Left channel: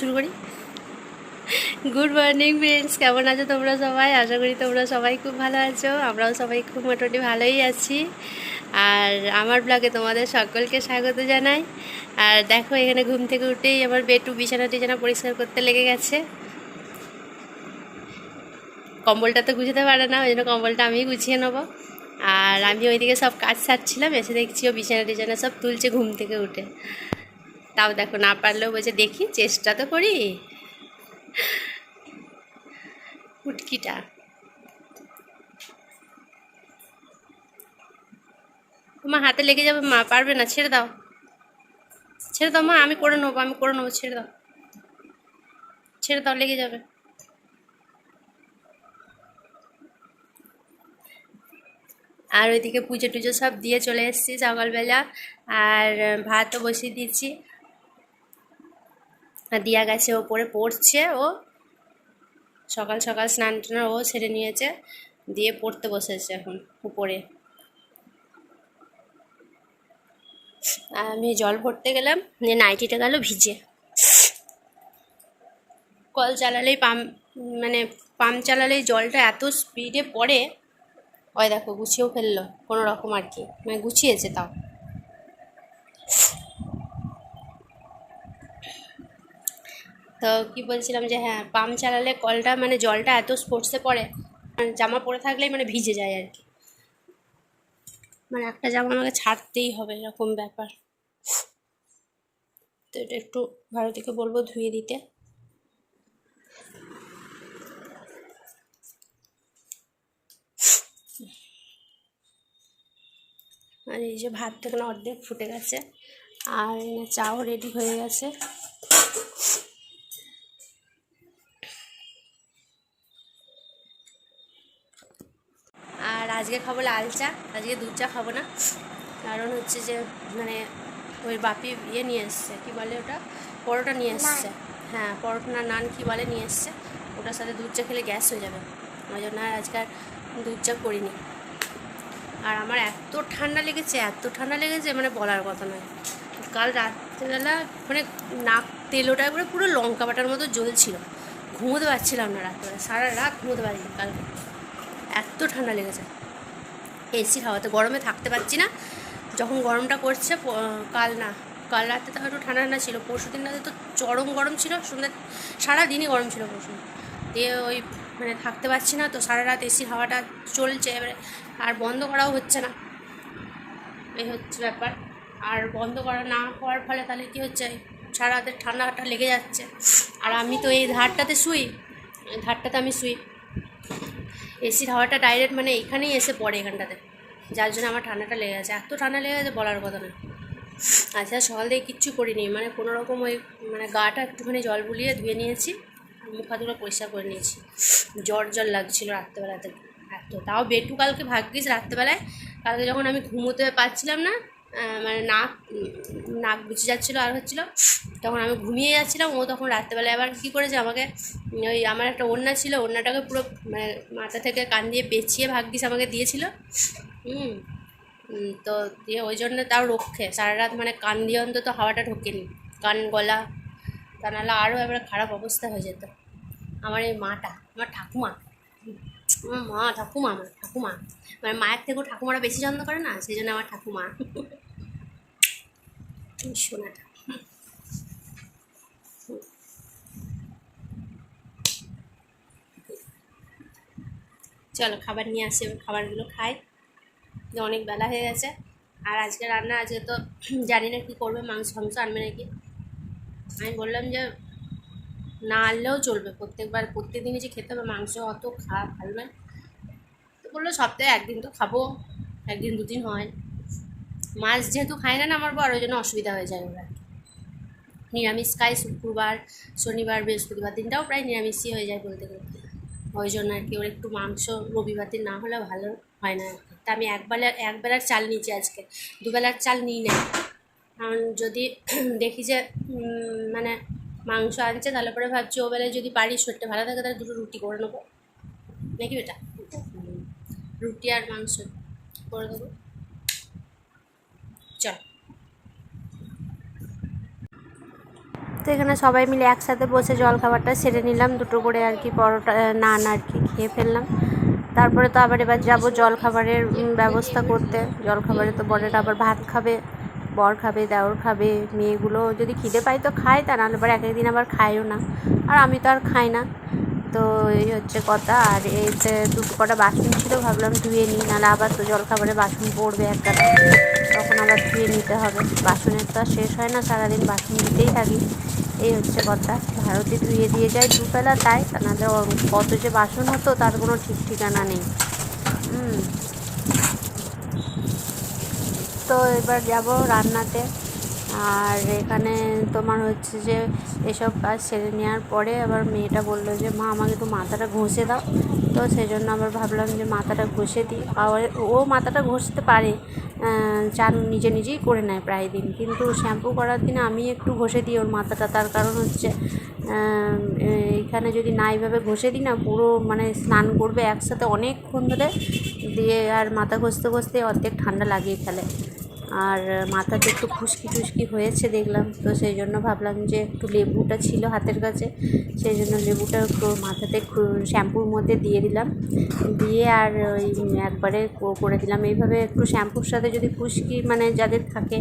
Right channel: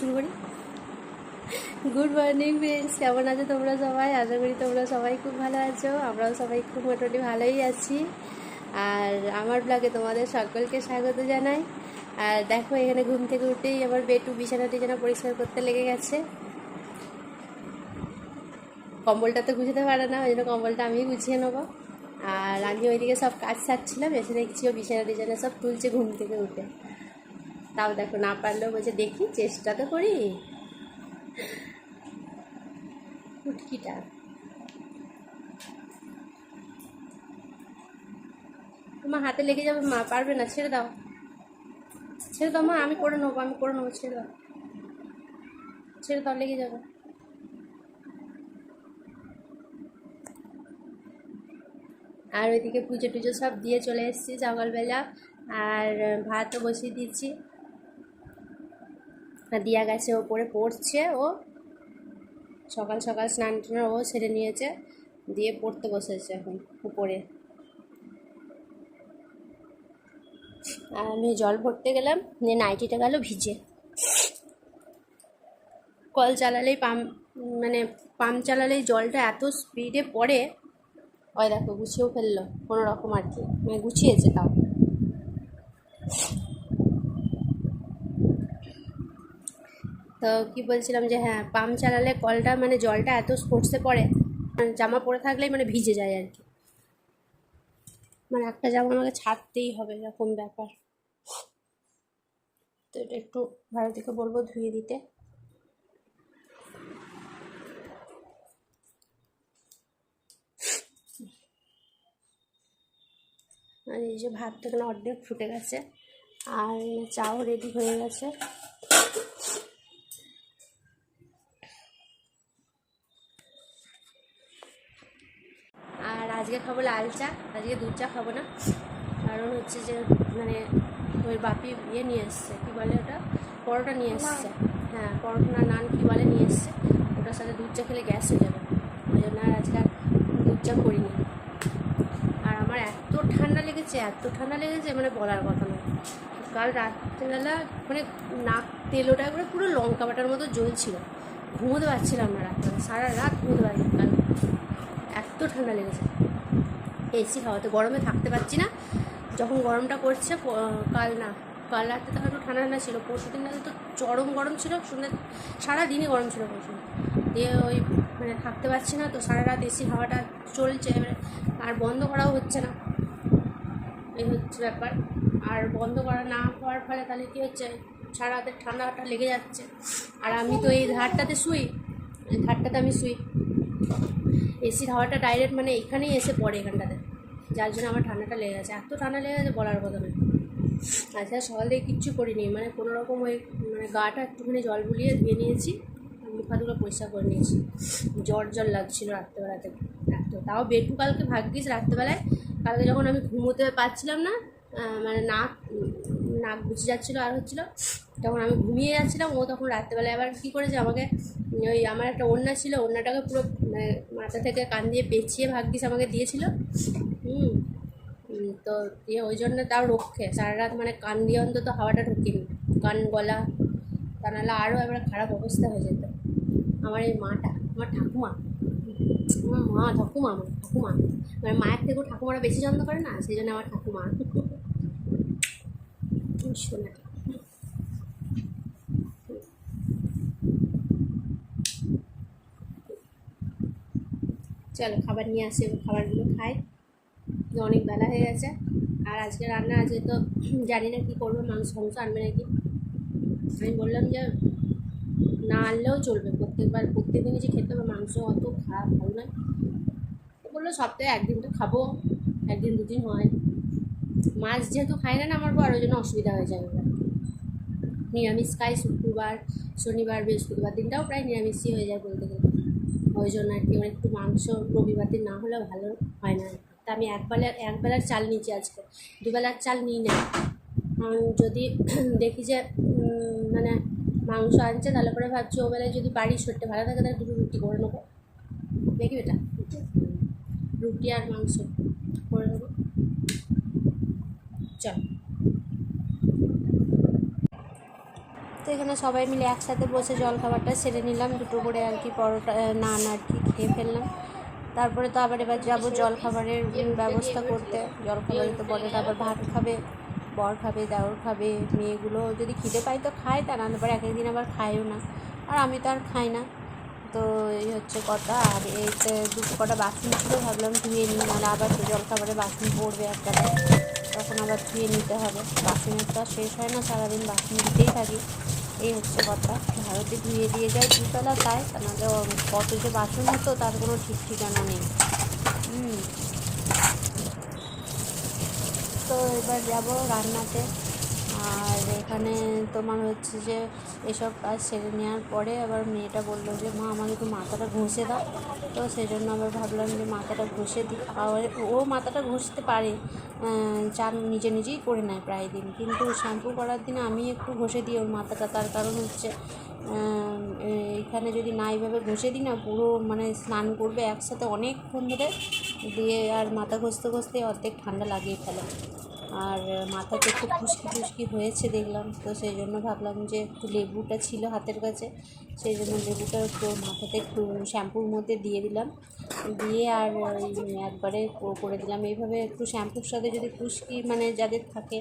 শুরু করি। Good morning friends, কেমন আছো তোমরা সবাই? আশা করি তোমরা সবাই খুব ভালো আছো। আমরাও সবাই খুব মোটামুটি ভালোই আছি। আর আমার ব্লগে তোমাদের সকলকে স্বাগত জানাই। আর দেখো, এখানে ঘুম থেকে উঠেই আমার বেটু বিছানা টিছানা পরিষ্কার করতে লেগে গেছে। কম্বলটা তো গুছাতে পারে না, ওই জন্য কম্বলটা আমি গুছিয়ে নেবো। আর আমি ওইদিকে সব কাজ সারছিলাম, এসে দেখছি ও বিছানা টিছানা সব তুলছে ঘুম থেকে উঠে। তাও দেখো, না পারলেও বলছে দেখি, চেষ্টা তো করি। উটকিটা তোমার হাতে লেগে যাবে, মা পারবে না, ছেড়ে দাও, ছেড়ে দাও মা, আমি করে নেবো, আমি করে নেবো, ছেড়ে দাও, ছেড়ে দাও, লেগে যাবে। আর ওইদিকে পুজো টুজো সব দিয়ে চলে এসেছি সকালবেলা। আর ভাতও বসিয়ে দিয়েছি। আর দিয়া গেছে ওপরে পড়ছে, ও সকাল সকাল স্নান টান ও সেরে নিয়েছে, দিয়ে পড়তে বসেছে এখন উপরে। আর আমি জল ভরতে গেলাম, নিয়ে নাইটিটা গেল ভিজে। কল চালালেই মানে পাম্প চালালেই জলটা এত স্পিডে পড়ে। ওই দেখো গুছিয়েও ফেললো কোনো রকম আর কি, মানে গুছিয়েছে তাও। তো কি বলছিলাম যে হ্যাঁ, পাম্প চালালে কলটা মানে জলটা এত স্পোর্টসে পড়ে, মানে জামা পরে থাকলেই মানে ভিজে যায় আর কি। মানে একটা জামা আমাকে ছাড়তেই হবে, এরকম ব্যাপার। তো এটা একটু ভারতীকে বলবো ধুয়ে দিতে। আর এই যে ভাত তো এখানে অর্ধেক ফুটে গেছে, আর এখানে চাও রেডি হয়ে গেছে। আর আজকে খাবো লাল চা, আজকে দুধ চা খাবো না। কারণ হচ্ছে যে মানে ওই বাপি ইয়ে নিয়ে এসছে, কী বলে ওটা, পরোটা নিয়ে এসছে। হ্যাঁ, পরোটা না নান কী বলে নিয়ে এসছে, ওটার সাথে দুধ চা খেলে গ্যাস হয়ে যাবে, ওই জন্য আর আজকে আর দুধ চা করিনি। আর আমার এত ঠান্ডা লেগেছে, এত ঠান্ডা লেগেছে মানে বলার কথা নয়। কাল রাত্রেবেলা মানে নাক তেলোটা করে পুরো লঙ্কা বাটার মতো জ্বলছিল, ঘুমোতে পারছিলাম না রাত্রেবেলা, সারা রাত ঘুমোতে পারিনি কাল, এত ঠান্ডা লেগেছে। এসির হাওয়াতে গরমে থাকতে পারছি না। যখন গরমটা করছে, কাল রাতে তো একটু ঠান্ডা ঠান্ডা ছিল, পরশু দিন রাতে তো চরম গরম ছিল, সন্ধ্যে সারাদিনই গরম ছিল পরশু। দিয়ে ওই মানে থাকতে পারছি না, তো সারা রাত এসির হাওয়াটা চলছে এবারে, আর বন্ধ করাও হচ্ছে না, এই হচ্ছে ব্যাপার। আর বন্ধ করা না হওয়ার ফলে তাহলে কী হচ্ছে, সারা রাতের ঠান্ডাটা লেগে যাচ্ছে। আর আমি তো এই ধারটাতে শুই, এই ধারটাতে আমি শুই, এসির হাওয়াটা ডাইরেক্ট মানে এখানেই এসে পড়ে এখানটাতে, যার জন্য আমার ঠান্ডাটা লেগে গেছে, এত ঠান্ডা লেগে গেছে বলার কথা না। আচ্ছা, সকাল থেকে কিচ্ছু করিনি, মানে কোনো রকম ওই মানে গাটা একটুখানি জল বুলিয়ে ধুয়ে নিয়েছি, মুখ হাতগুলো পরিষ্কার করে নিয়েছি। জ্বর জ্বর লাগছিলো রাত্রেবেলাতে এত, তাও বেটু কালকে ভাগ্যিস রাত্রেবেলায়, কালকে যখন আমি ঘুমোতে পারছিলাম না, মানে নাক বুঝে যাচ্ছিলো আর হচ্ছিলো, তখন আমি ঘুমিয়ে যাচ্ছিলাম, ও তখন রাত্রেবেলায় আবার কী করেছে আমাকে, ওই আমার একটা ওড়না ছিল, ওড়নাটাকে পুরো মানে মাথা থেকে কান দিয়ে পেঁচিয়ে ভাগ্যিস আমাকে দিয়েছিল। তো দিয়ে ওই জন্য তাও রক্ষে সারা রাত মানে কান দিয়ে অন্তত হাওয়াটা ঢোকেনি, কান গলা, তা নাহলে আরও এবার খারাপ অবস্থা হয়ে যেত। আমার এই মাটা, আমার ঠাকুমা, আমার ঠাকুমা মানে মায়ের থেকেও ঠাকুমারা বেশি যত্ন করে না, সেই জন্য আমার ঠাকুমা সোনাটা। চলো খাবার নিয়ে আসে, খাবারগুলো খাই, অনেক বেলা হয়ে গেছে। আর আজকে রান্না, আজকে তো জানি না কী করবে, মাংস আনবে নাকি। আমি বললাম যে না আনলেও চলবে, প্রত্যেক দিনই যে খেতে হবে মাংস, অত খারাপ ভালো নয়। তো বললো সপ্তাহে একদিন তো খাবো, একদিন দুদিন হয়। মাছ যেহেতু খায় না আমার বড়, ওই জন্য অসুবিধা হয়ে যায় ওরা। নিরামিষ খায় শুক্রবার, শনিবার, বৃহস্পতিবার দিনটাও প্রায় নিরামিষই হয়ে যায় বলতে গেলে, ওই জন্য আর কি ওর একটু মাংস রবিবার দিন না হলে ভালো হয় না আর কি। তা আমি একবেলার চাল নিয়েছি আজকে, দুবেলার চাল নিই না। কারণ যদি দেখি যে মানে মাংস আনছে, তাহলে পরে ভাবছি ও বেলায় যদি বাড়ির শরীরটা ভালো থাকে তাহলে দুটো রুটি করে নেবো নাকি বেটা, রুটি আর মাংস করে দেবো। চল তো এখানে সবাই মিলে একসাথে বসে জলখাবারটা সেরে নিলাম, দুটো করে আর কি পরোটা নান আর কি খেয়ে ফেললাম। তারপরে তো আবার এবার যাবো জলখাবারের ব্যবস্থা করতে। জলখাবারে তো বরেরা আবার ভাত খাবে, বর খাবে, দেওর খাবে, মেয়েগুলো যদি খিদে পায় তো খায়, তা নাহলে পরে এক একদিন আবার খায়ও না, আর আমি তো আর খাই না। তো এই হচ্ছে কথা। আর এই যে দুটো কটা বাসন ছিল, ভাবলাম ধুয়ে নিই, নাহলে আবার তো জলখাবারে বাসন পড়বে একটা, তখন আবার ধুয়ে নিতে হবে। বাসনের তো আর শেষ হয় না, সারাদিন বাসন দিতেই থাকি। এই হচ্ছে কথা। ভারতে ধুয়ে দিয়ে যায় দুবেলা, তাই তা নাহলে কত যে বাসন হতো তার কোনো ঠিক ঠিকানা নেই। তো এবার যাব রান্নাতে। আর এখানে তোমার হচ্ছে যে এসব কাজ সেরে নেওয়ার পরে আবার মেয়েটা বললো যে মা আমাকে একটু মাথাটা ঘষে দাও। তো সেই জন্য আবার ভাবলাম যে মাথাটা ঘষে দিই। আবার ও মাথাটা ঘষতে পারে, চান নিজে নিজেই করে নেয় প্রায় দিন, কিন্তু শ্যাম্পু করার দিনে আমি একটু ঘষে দিই ওর মাথাটা। তার কারণ হচ্ছে এইখানে যদি না এইভাবে ঘষে দিই না, পুরো মানে স্নান করবে একসাথে অনেকক্ষণ ধরে, দিয়ে আর মাথা ঘষতে ঘষতে অর্ধেক ঠান্ডা লাগিয়ে ফেলে। আর মাথাতে একটু খুশকি টুসকি হয়েছে দেখলাম, তো সেই জন্য ভাবলাম যে একটু লেবুটা ছিল হাতের কাছে, সেই জন্য লেবুটা একটু মাথাতে শ্যাম্পুর মধ্যে দিয়ে দিলাম, দিয়ে আর ওই একবারে করে দিলাম। এইভাবে একটু শ্যাম্পুর সাথে যদি খুশকি মানে যাদের থাকে,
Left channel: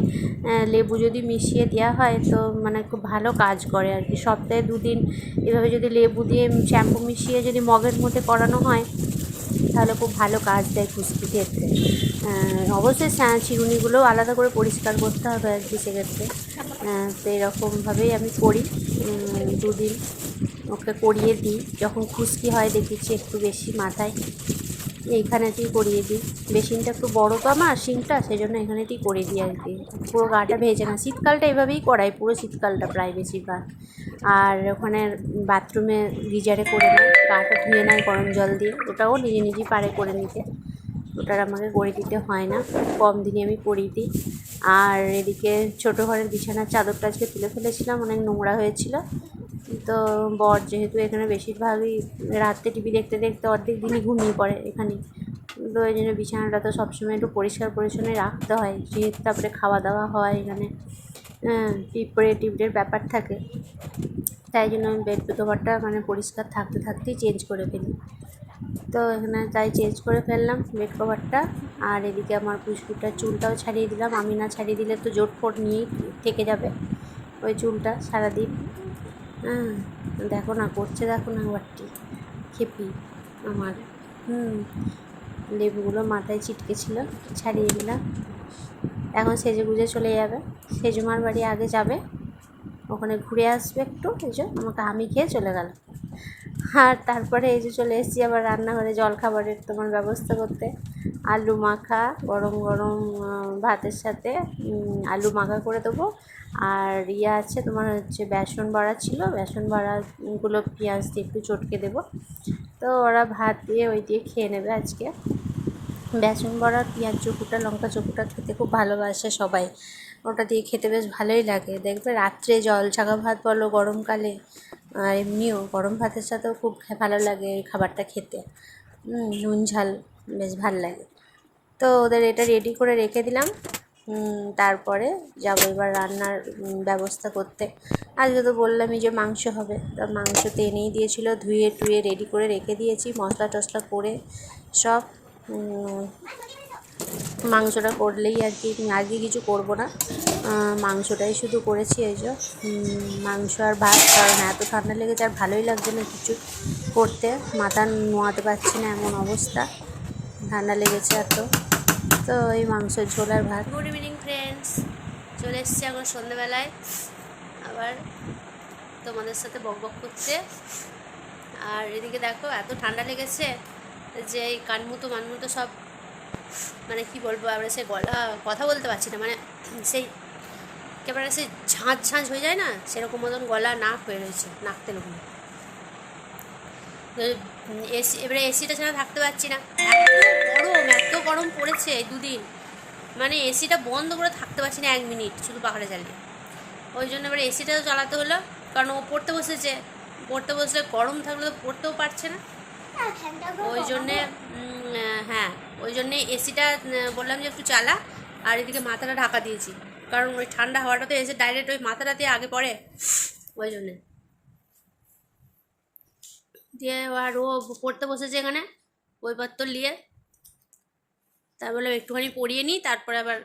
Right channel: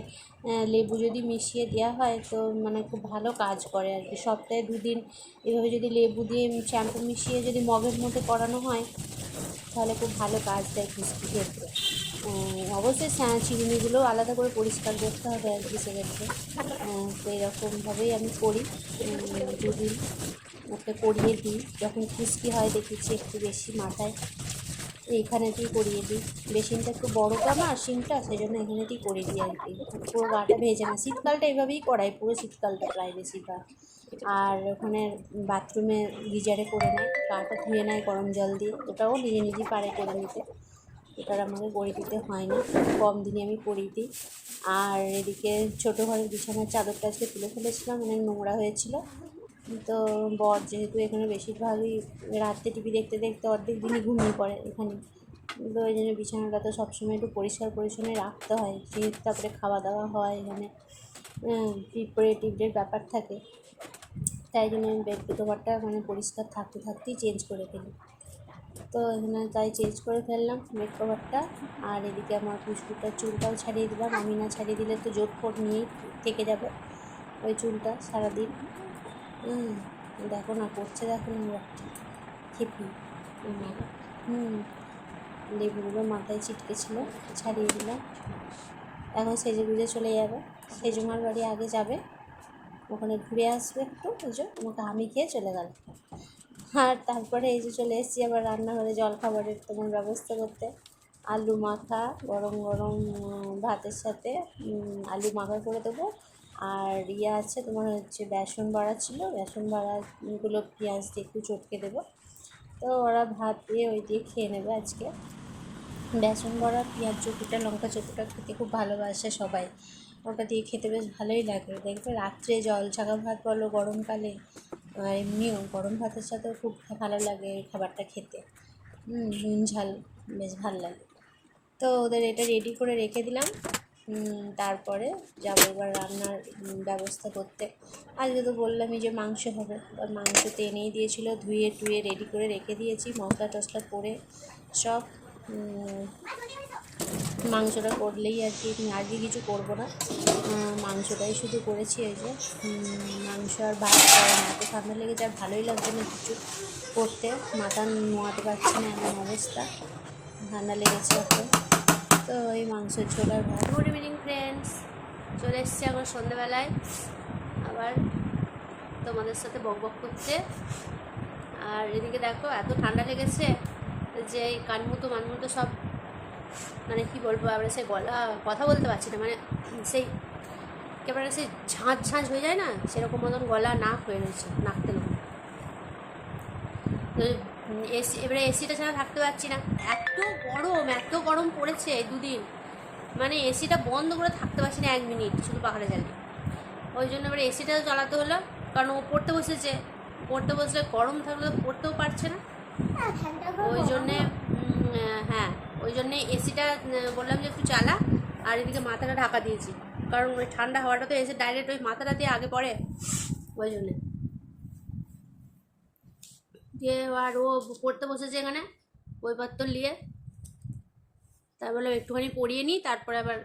লেবু যদি মিশিয়ে দেওয়া হয় তো মানে খুব ভালো কাজ করে আর কি। সপ্তাহে 2 দিন এভাবে যদি লেবু দিয়ে শ্যাম্পু মিশিয়ে যদি মগের মধ্যে করানো হয় তাহলে খুব ভালো কাজ দেয় খুশকি ক্ষেত্রে। অবশ্যই চিরুনিগুলোও আলাদা করে পরিষ্কার করতে হবে আর কি সেক্ষেত্রে। তো এরকমভাবেই আমি করি, 2 দিন ওকে করিয়ে দিই। যখন খুশকি হয় দেখেছি একটু বেশি মাথায়, এইখানেতেই করিয়ে দিই। বেসিনটা একটু বড় তো আমার সিঙ্কটা, সেই জন্য এখানেতেই করিয়ে দিই আর কি। পুরো গাটা ভেজে না, শীতকালটা এভাবেই করাই, পুরো শীতকালটা প্রায় বেশিরভাগ। আর ওখানে বাথরুমে গিজারে করে নেয়, গাটা ধুয়ে নেয় গরম জল দিয়ে, ওটাও নিজে নিজেই পারে করে নিতে, ওটার আমাকে করে দিতে হয় না, কম দিনে আমি করিয়ে দিই। আর এদিকে ছোটো ঘরের বিছানার চাদরটা আজকে তুলে ফেলেছিলাম, অনেক নোংরা হয়েছিল। তো বর যেহেতু এখানে বেশিরভাগই রাত্রে টিভি দেখতে দেখতে অর্ধেক দিনই ঘুমিয়ে পড়ে এখানে, তো ওই জন্য বিছানাটা তো সবসময় একটু পরিষ্কার পরিচ্ছন্ন রাখতে হয়, যেহেতু তারপরে খাওয়া দাওয়া হয় এখানে, পিঁপড়ে টিপড়ের ব্যাপার থাকে, তাই জন্য আমি বেড কভারটা মানে পরিষ্কার থাকতে থাকতেই চেঞ্জ করে ফেলি। তো এখানে তাই চেঞ্জ করে ফেললাম বেড কভারটা। আর এদিকে আমার পুষ্পিটার চুলটাও ছাড়িয়ে দিলাম, আমি না ছাড়িয়ে দিলে তো জোট ফোট নিয়েই থেকে যাবে ওই চুলটা সারাদিন। দেখো না করছে, দেখো না একবারটি খেপি আমার। লেবুগুলো মাথায় ছিটকে ছিল, ছাড়িয়ে দিলাম। এখন সেজে গুজে চলে যাবে, সেজমার বাড়ি আগে যাবে, ওখানে ঘুরে আসবে একটু, এই যে আমাকে আমি খেয়ে চলে গেল। আর তারপরে এই যে চলে এসেছি আবার রান্নাঘরে জলখাবারের তোমার ব্যবস্থা করতে। আলু মাখা গরম গরম ভাতের সাথে আলু মাখা করে দেবো। আর ইয়ে আছে তোমার হচ্ছে বেসন বড়া ছিল, বেসন বড়াগুলো পেঁয়াজ দিয়ে একটু চটকে দেবো, তো ওরা ভাত দিয়ে ওই দিয়ে খেয়ে নেবে আজকে। বেসন বড়া পেঁয়াজ চকুটা লঙ্কা চকুটা খেতে খুব ভালোবাসে সবাই, ওটা দিয়ে খেতে বেশ ভালোই লাগে। দেখবে রাত্রে জল ছাকা ভাত বলো গরমকালে, আর এমনিও গরম ভাতের সাথেও খুব ভালো লাগে এই খাবারটা খেতে, নুন ঝাল বেশ ভালো লাগে। তো ওদের এটা রেডি করে রেখে দিলাম, তারপরে যাবো এবার রান্নার ব্যবস্থা করতে। আজকে তো বললামই যে মাংস হবে, তা মাংস তো এনেই দিয়েছিলো, ধুয়ে টুয়ে রেডি করে রেখে দিয়েছি মশলা টশলা করে সব। মাংসটা করলেই আর কি, আজকে কিছু করবো না, মাংসটাই শুধু করেছি। এই যে মাংস আর ভাত, কারণ এত ঠান্ডা লেগেছে আর ভালোই লাগছে না কিছু করতে, মাথা নোয়াতে পারছি না এমন অবস্থা, ঠান্ডা লেগেছে এত। তো এই মাংসের ঝোল আর ভাত। গুড ইভিনিং ফ্রেন্ডস, চলে এসেছি এখন সন্ধ্যেবেলায় আবার তোমাদের সাথে বক বক করতে। আর এদিকে দেখো এত ঠান্ডা লেগেছে যে এই কানমুতো মানমুতো সব মানে কি বলবো, আমরা সে গলা কথা বলতে পারছি না, মানে সেই একেবারে সেই ঝাঁঝ ঝাঁঝ হয়ে যায় না, সেরকম মতন গলা নাক হয়ে রয়েছে, নাকতে লোক। এসি এবারে এসিটা ছাড়া থাকতে পারছি না, এত গরম পড়েছে এই 2 দিন, মানে এসিটা বন্ধ করে থাকতে পারছি না 1 মিনিট শুধু পাখাটা জ্বালিয়ে। ওই জন্য এবারে এসিটাও চালাতে হলো, কারণ ও পড়তে বসেছে, পড়তে বসলে গরম থাকলে তো পড়তেও পারছে না, ওই জন্যে হ্যাঁ ওই জন্যে এসিটা বললাম যে একটু চালা। আর এদিকে মাথাটা ঢাকা দিয়েছি, কারণ ওই ঠান্ডা হাওয়াটা তো এসে ডাইরেক্ট ওই মাথাটাতে আগে পড়ে, ওই জন্যে দিয়ে আর ও পড়তে বসেছে এখানে বইপত্র নিয়ে, তাই বললাম একটুখানি পড়িয়ে নিই, তারপরে আবার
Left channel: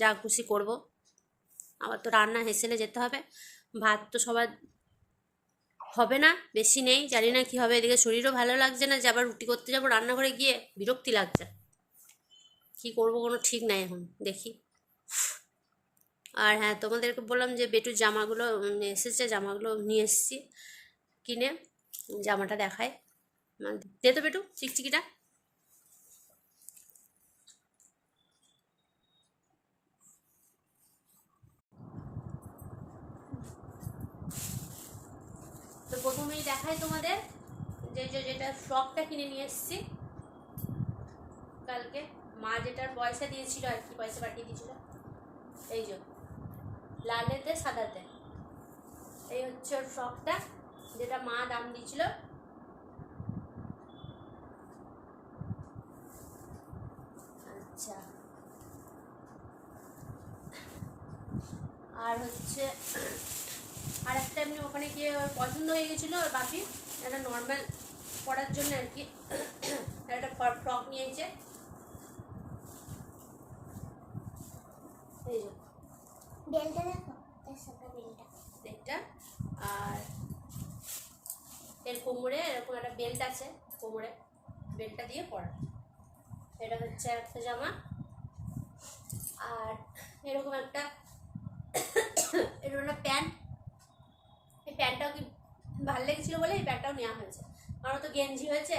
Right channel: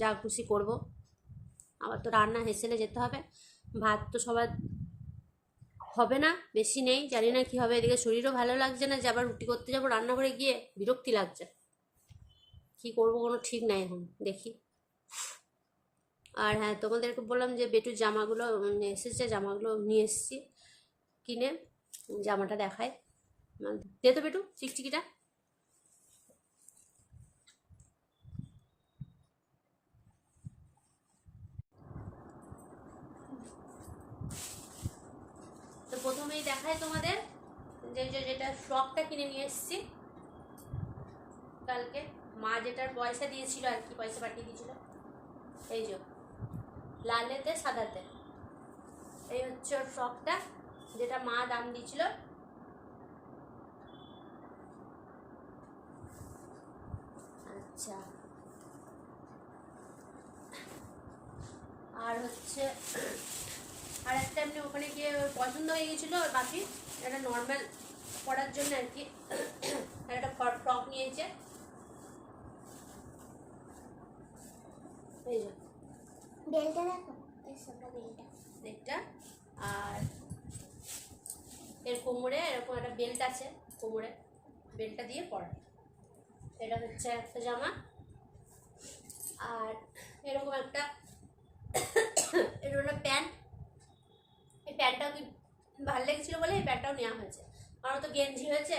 যা খুশি করবো। আবার তো রান্না হেসেলে যেতে হবে, ভাত তো সবার হবে না, বেশি নেই, জানি না কী হবে। এদিকে শরীরও ভালো লাগছে না, যে আবার রুটি করতে যাবো রান্নাঘরে গিয়ে, বিরক্তি লাগছে। কি করব কোনো ঠিক নাই এখন, দেখি। আর হ্যাঁ, তোমাদেরকে বললাম যে বেটুর জামাগুলো এসেছে, জামাগুলো নিয়ে এসেছি কিনে, জামাটা দেখায়। দে তো বেটু চিকচিকিটা। তো প্রথমেই দেখায় তোমাদের যেটা ফ্রকটা কিনে নিয়ে এসেছি কালকে, মা যেটার পয়সা দিয়েছিল আর কি, পয়সা পাঠিয়ে দিয়েছিল। এই যে লালেতে সাদাতে, এই হচ্ছে ওর ফ্রকটা, যেটা মা দাম দিয়েছিল। আচ্ছা, আর হচ্ছে আর একটা এমনি ওখানে গিয়ে পছন্দ হয়ে গেছিলো ওর বাকি, একটা নর্মাল পরার জন্য আর কি একটা ফ্রক নিয়েছে। এই যে বেলটা দেখো, বেলটা, আর এর কোমরে এরকম একটা বেল্ট আছে, কোমরে বেল্টটা দিয়ে পরা। এটা হচ্ছে একটা জামা। আর এরকম একটা এরকম একটা প্যান্ট, এই প্যান্টটাও কি ভালো লেগেছিলো বলে এই প্যান্টটাও নেওয়া হয়েছে। আমার তো গেঞ্জি হয়েছে,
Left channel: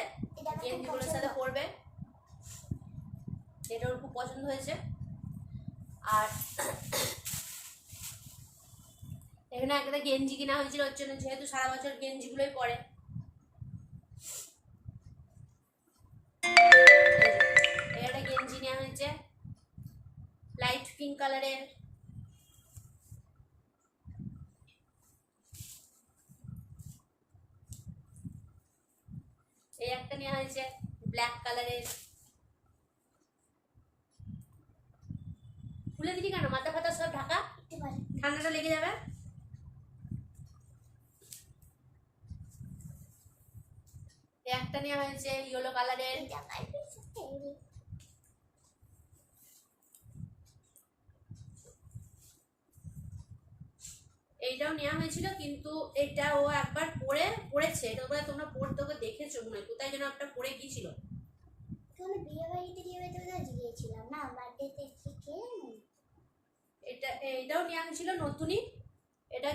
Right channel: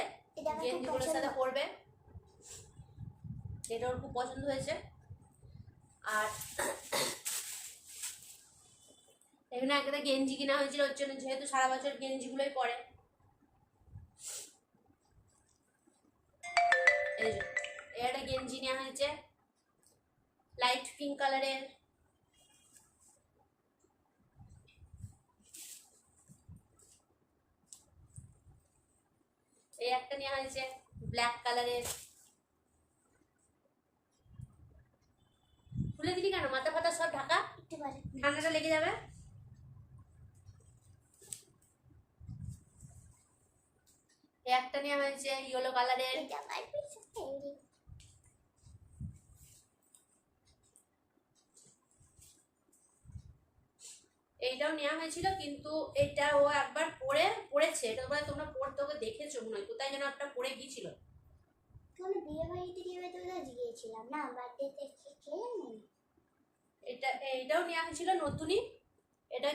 গেঞ্জিগুলোর সাথে পরবে, এটা ওর খুব পছন্দ হয়েছে। আর এখানে একটা গেঞ্জি কিনা হয়েছিল ওর জন্য, যেহেতু সারা বছর গেঞ্জিগুলোই পরে। একটা গেঞ্জি নেওয়া হয়েছে লাইট পিঙ্ক কালারের। এই একটা নেওয়া হয়েছে ব্ল্যাক কালারের। খুলে দিলি কেন, মাথা ফাতা সব ঢাকা, ঠান্ডাটা লেগে যাবে। একটা নেওয়া হয়েছে ইয়েলো কালারের। এইটাও নেওয়া হয়েছিল, কিন্তু এটা ও একবার পড়েছে, এটা বলে তোমরা পড়তে ওকে দেখেছো মনে হয়, কোথায় যেন একটা পড়ে গিয়েছিল। বিয়ে বাড়িতে গিয়েছিলাম না, বার্থডেতে এটাও নেওয়া হয়েছিল নতুনই। এটা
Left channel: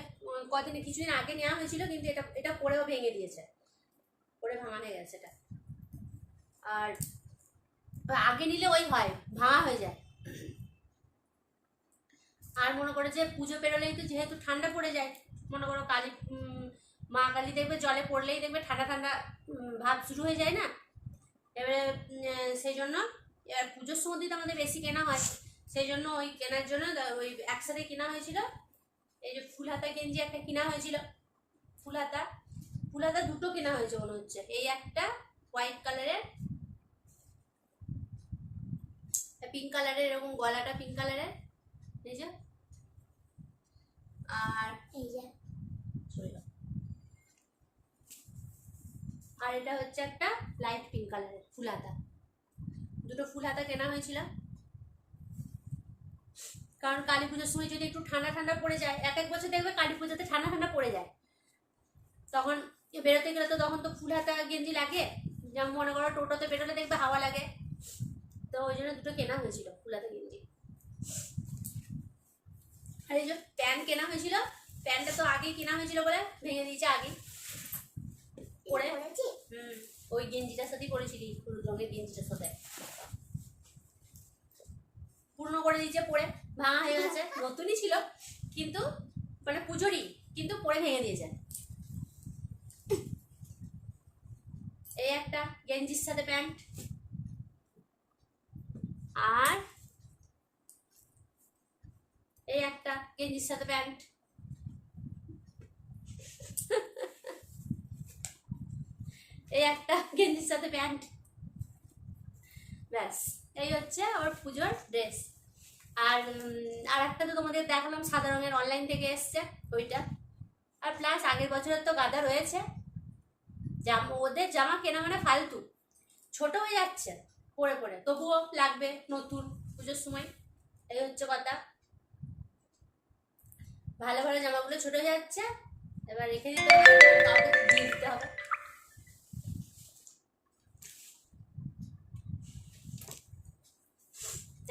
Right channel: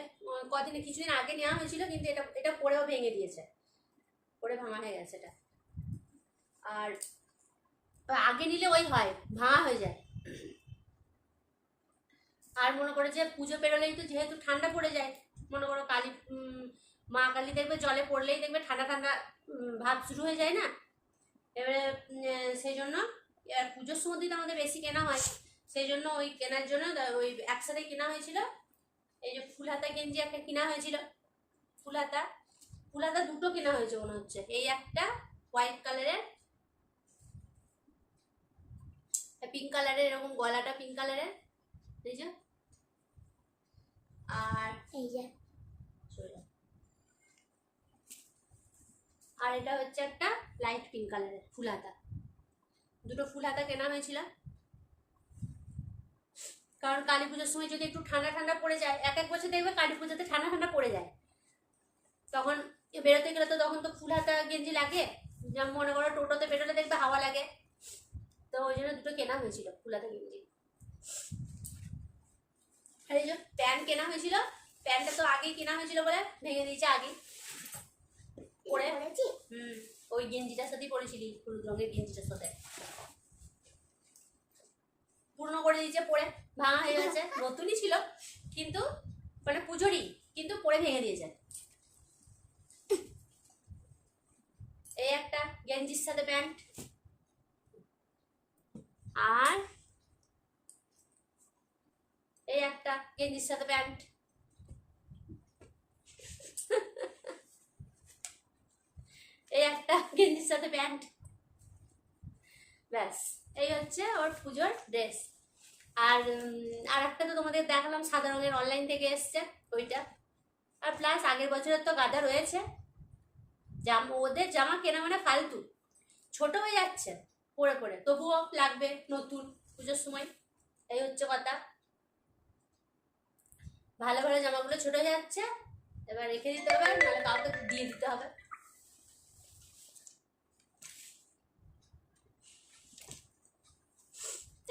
কিছুদিন আগে নেওয়া হয়েছিল, কিন্তু এটা পরেও ভেঙে দিয়েছে, পরে ভাঙা হয়ে গেছে এটা। আর আগে নিলে ওই হয়, ভাঙা হয়ে যায়। আর মনে করে যে পুজো পেরোলেই তো যেহেতু ঠান্ডা পড়ে যায়, মনে করো কালী মা কালী দেখবে জলে পড়লেই দেখবে ঠান্ডা ঠান্ডা ভাব শুরু হয়ে যায় না। এবারে সেই জন্য পুজোর সময় তো আমাদের বেশি কেনা হয়, সেই জন্য ওই কেনার জন্য ওই একসাথে কেনা হয়েছিল। এই যে ফুল হাতা গেঞ্জি একটা কেনা হয়েছিল, ফুল হাতা দুটো কেনা হয়েছে মনে হচ্ছে। এই একটা হোয়াইট কালারের, পিঙ্ক কালারের, এরকম গলাটা পিঙ্ক কালারের, এই যে। আর এই যে আর এটা হচ্ছে একটা লাইট পিঙ্ক কালারের ফুল হাতা। দুটো ফুল হাতা কেনা হয়েছিল, কারণ কালী পুজোর সময় যদি একটু ঠান্ডা ঠান্ডা পড়ে যায়, এক বছর দেখবে কালী পুজোতে ঠান্ডা ঠান্ডা পড়ে যায়, তখন বেরোতে গেলে তো তখন তো ফুল হাতা গেঞ্জি লাগে। যেমন মনে করো টোটোতে বেরোলে দেখবে হাওয়া লাগে, তো ওই জন্য দুটো কেনা হয়েছিল ফুল হাতা গেঞ্জি। আর এই যে প্যান্ট কেনা হয়েছিল, প্যান্টটা তো আগেই কেনা হয়েছিল বলে ভেঙে দিয়েছে আগেই পরে। ওই গেঞ্জিটার সাথেই পরেছিলি, হলুদ রঙের গেঞ্জিটার সাথে পূর্ণ করে দিয়েছে, পরে ভাঙা হয়ে গেছে। নতুনই ছিল কিন্তু, মানে পুজোরই, কিন্তু পরে ভেঙে দিয়েছে। এই একটা গেঞ্জির সাথে প্যান্ট, আর এই একটা গেঞ্জির সাথে প্যান্ট। এই একটা গেঞ্জির সাথে প্যান্ট, ব্যাস এই হচ্ছে ওর পুজোর ড্রেস। আর একটা তো তোমাদের দেখালাম সাদা রঙের, অনলাইন থেকে এসছে ওইটা, আর প্লাস আগের বছরের তো গাদা রয়েছে, ওদের জামা কেনা মানে ফালতু, ছোট হয়ে যাচ্ছে পরে পরে, তবুও লাগবে নতুন পুজোর সময়। এই হচ্ছে কথা, ভালো ভালো জামাগুলো ছোট হয়ে যাচ্ছে, এবার রেখে দিতে হবে, কাউকে দিয়ে দিতে হবে।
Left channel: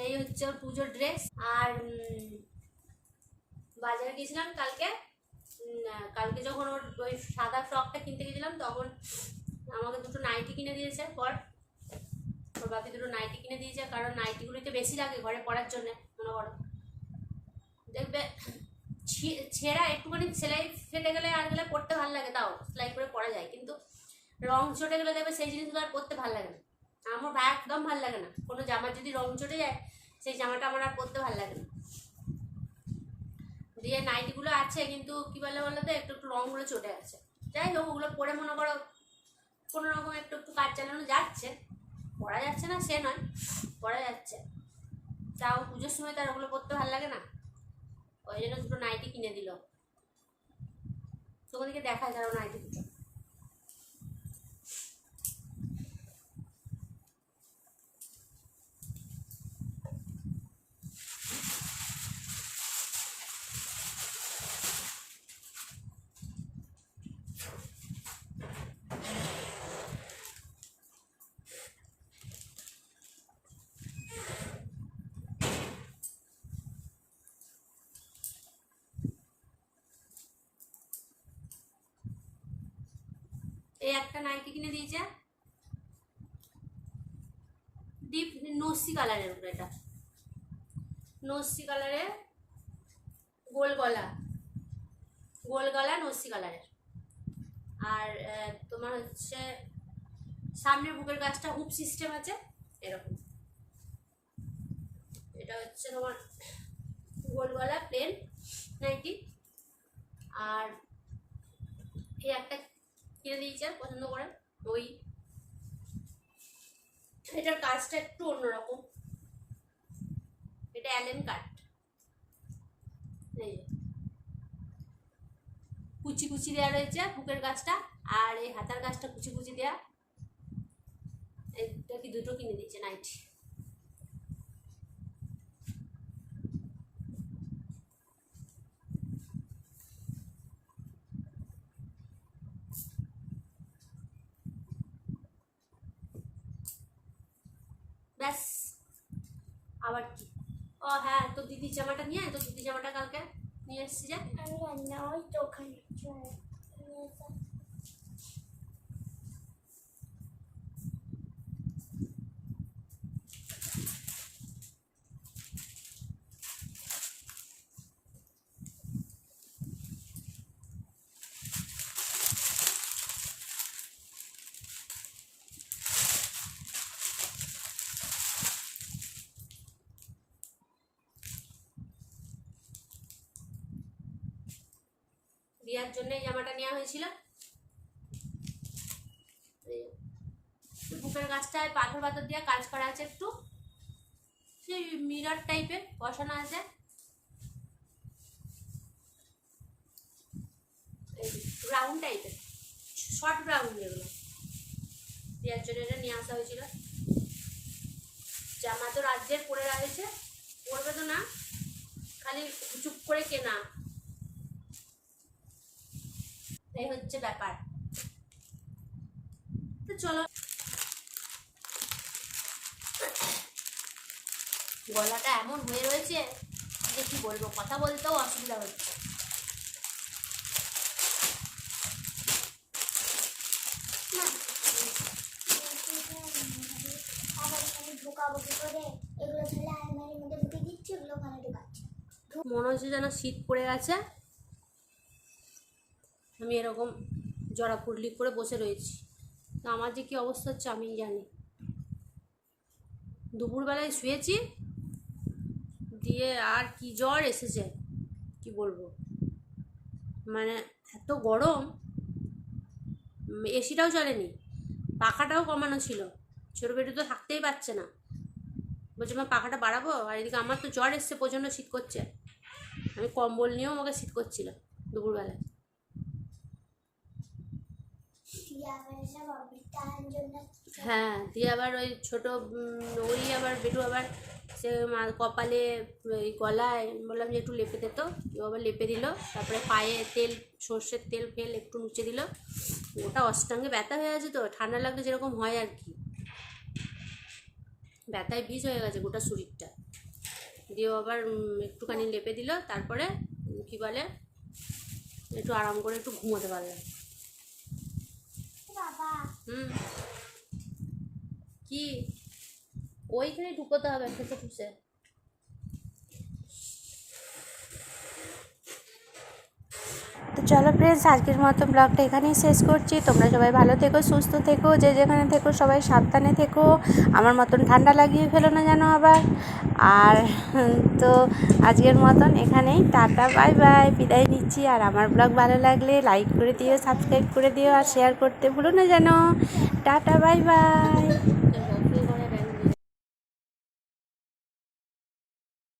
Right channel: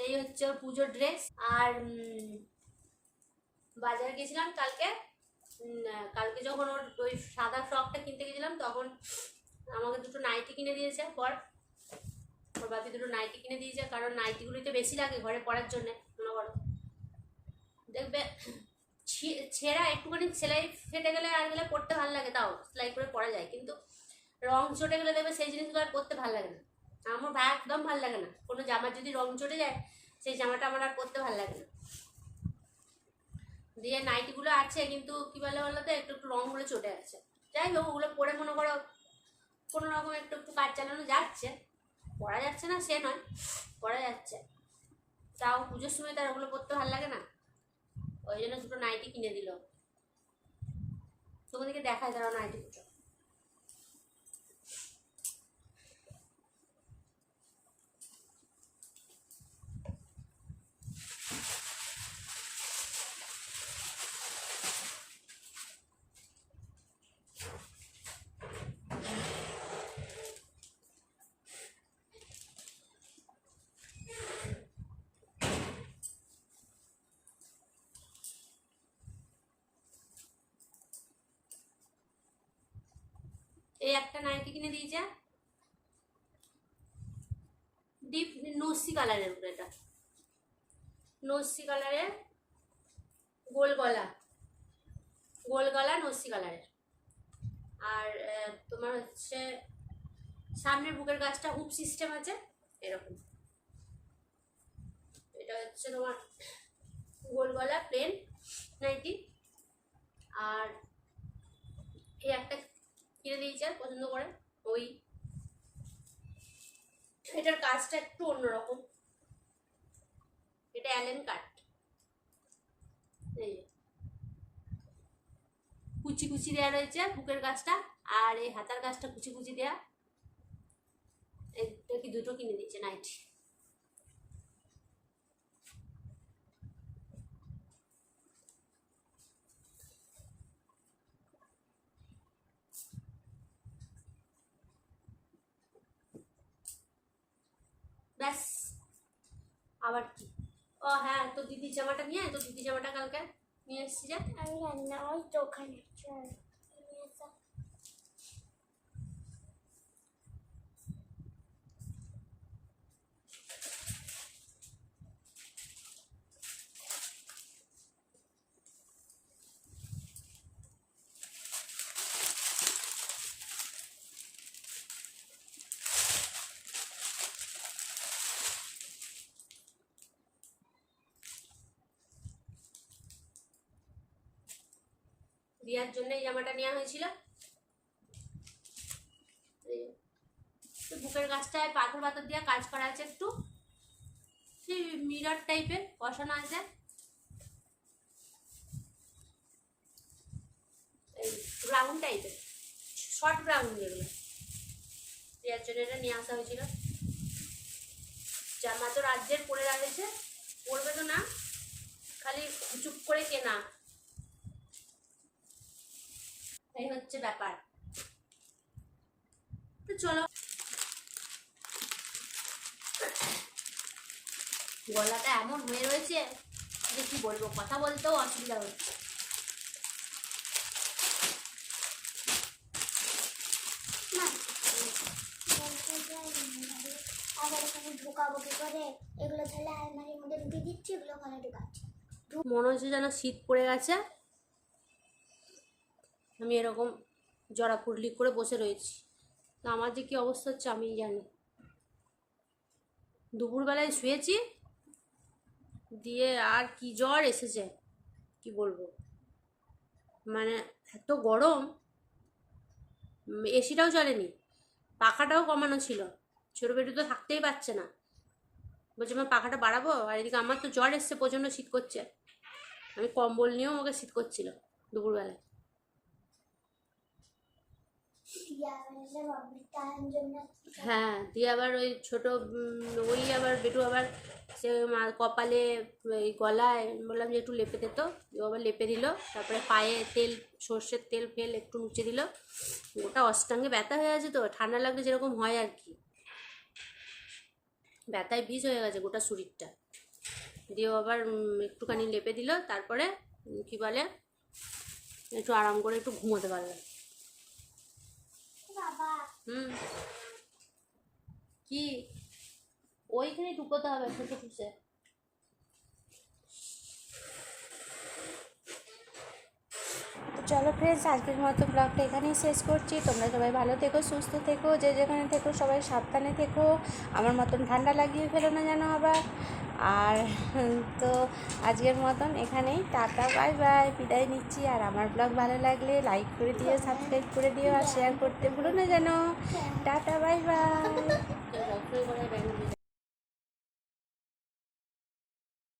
এই হচ্ছে পুজোর ড্রেস। আর বাজারে গেছিলাম কালকে, কালকে যখন ওর ওই সাদা ফ্রকটা কিনতে গেছিলাম তখন আমাকে দুটো নাইটি কিনে দিয়েছে পর, ওর বাপি দুটো নাইটি কিনে দিয়েছে, কারণ নাইটিগুলোতে বেশি লাগে ঘরে পরার জন্য। মনে করো দেখবে ছেঁড়া একটুখানি সেলাই ফেটে গেলে আর গেলে পরতে ভালো লাগে, তাও সেলাই করে পরা যায়, কিন্তু রং চটে গেলে দেখবে সেই জিনিসগুলো আর পরতে ভালো লাগে না। আমার ভাই একদম ভালো লাগে না, কোনো জামার যদি রং চটে যায় সেই জামাটা আমার আর পরতে ভালো লাগে না। দিয়ে নাইটিগুলো আছে কিন্তু কি বলে বলো তো, একটু একটু রঙগুলো চটে আছে। যাই হোক, ওগুলো পরে মনে করো কোনো রকম একটু একটু কাজ চালানো যাচ্ছে, পরা যাচ্ছে না সে নয়, পরা যাচ্ছে, তাও পুজোর সময় তার ওগুলো পরতে ভালো লাগে না, ওই জন্য দুটো নাইটি কিনে দিল। তোমাদেরকে দেখায় তারা নাইটি দুটো। এই একটা নাইটি কিনে দিয়েছে ডিপ নস্যি কালারের উপরে, এটা নস্যি কালারের, গোল গলা, গোল গলা নস্যি কালারের। আর তোমার হচ্ছে সামনের বুকের কাছটা হুপ সিস্টেম আছে এরকম। এটা হচ্ছে তোমার গোল গলা প্লেন নাইটি। আর এই একটা কিনে দিয়েছে পছন্দ করে, ওই এটার কাজটা একটু অন্যরকম, এটা অ্যালেন কাট, এই কুচি কুচি দেওয়া রয়েছে বুকের কাজটা, আর এই হাতার কাজটা কুচি কুচি দেওয়া। এটা কি দুটো কিনে দিয়েছে নাইটি। ব্যাস, আবার কি, ও হ্যাঁ, তো দিদির জামাটা নিয়ে আয়, তো দিদির জামাটা কালকে নিয়ে এসছি যে, আমি রান্না ওই তো ওখানে রিয়ার জন্য এই জামাটা নেওয়া হয়েছিল। বুকের কাজটায় পাথর পাথর দিয়ে কাজ করা আছে, একটু সেই মিরর টাইপের বসানো আছে, ব্রাউন টাইপের, শর্ট ব্রাউন যেগুলো, রিয়ার জন্য এটা নিয়ে আসা হয়েছিল। জামা তো রাজ্যের পরে রয়েছে, পরবে তো না, খালি চুপ করে কেনা, এই হচ্ছে ব্যাপার। তো চলো, গলাটা এমন হয়ে রয়েছে যে কি বলবো, কথা বলতেও অসুবিধা হচ্ছে। আবার এখানে ঢোকাবো কি করে, এগুলো তাহলে আলমারির মধ্যে ঢুকে দিচ্ছি, এগুলো ওখানে ঢুকাচ্ছি। মনে হচ্ছে যেন শীত পড়ে গেছে, আমি এরকম জড়া ফুরলি করে বসে রয়েছি, তো আমার যে কি অবস্থা হচ্ছে আমি জানি। দুপুরবেলায় শুয়েছি, দিয়ে আর কি জ্বর এসেছে কি বলবো, মানে এত গরম, এসিটাও চলেনি, পাখাটাও কমানো ছিল, ছোটো বেটু তো থাকতেই পারছে না, বলছে মা পাখাটা বাড়াবো, আর এদিকে আমার তো জ্বর এসছে, প্রচণ্ড শীত করছে, আমি কম্বল নিয়েও আমাকে শীত করছিল দুপুরবেলায়। দিয়া মানে সব অবৃত্তার জন্য হ্যাঁ, দিয়ে আবার ওই ছোট ওই আবার বেটু আবার সে কপালে ওই গলায় বললাম যে একটু লেপে দিত, ও আবার লেপে দিল। তারপরে পায়ে তেল, সর্ষের তেল ফেল একটু মুছে দিল। ওটা অষ্টাঙ্গে ব্যথা হয়ে আছে, তো ঠান্ডা লাগলে যেরকম হয় আর কি, ব্যথায় বিষ হয়ে গেছে গোটা শরীরটা। দিয়ে আবার একটুখানি লেপে দিল। তারপরে কি বলে, একটু আরাম করে একটু ঘুমোতে পারলাম। বাবা কি ওইখানে ঢুকোতে হবে ঠুসে ঠুসে। তো চলো ফ্রেন্ডস, আজকের মতো ব্লগটা এখানেই শেষ করছি। তোমরা সবাই ভালো থেকো, সুস্থ থেকো, যে যেখানে থেকো সবাই সাবধানে থেকো। আমার মতন ঠান্ডা লাগিয়ে ফেলো না যেন আবার। আর তো আজকের মতন এখানেই টাটা বাই বাই, বিদায় নিচ্ছি। আর আমার ব্লগ ভালো লাগলে লাইক করে দিও, সাবস্ক্রাইব করে দিও, আর শেয়ার করতে ভুলো না যেন। Tata bye bye.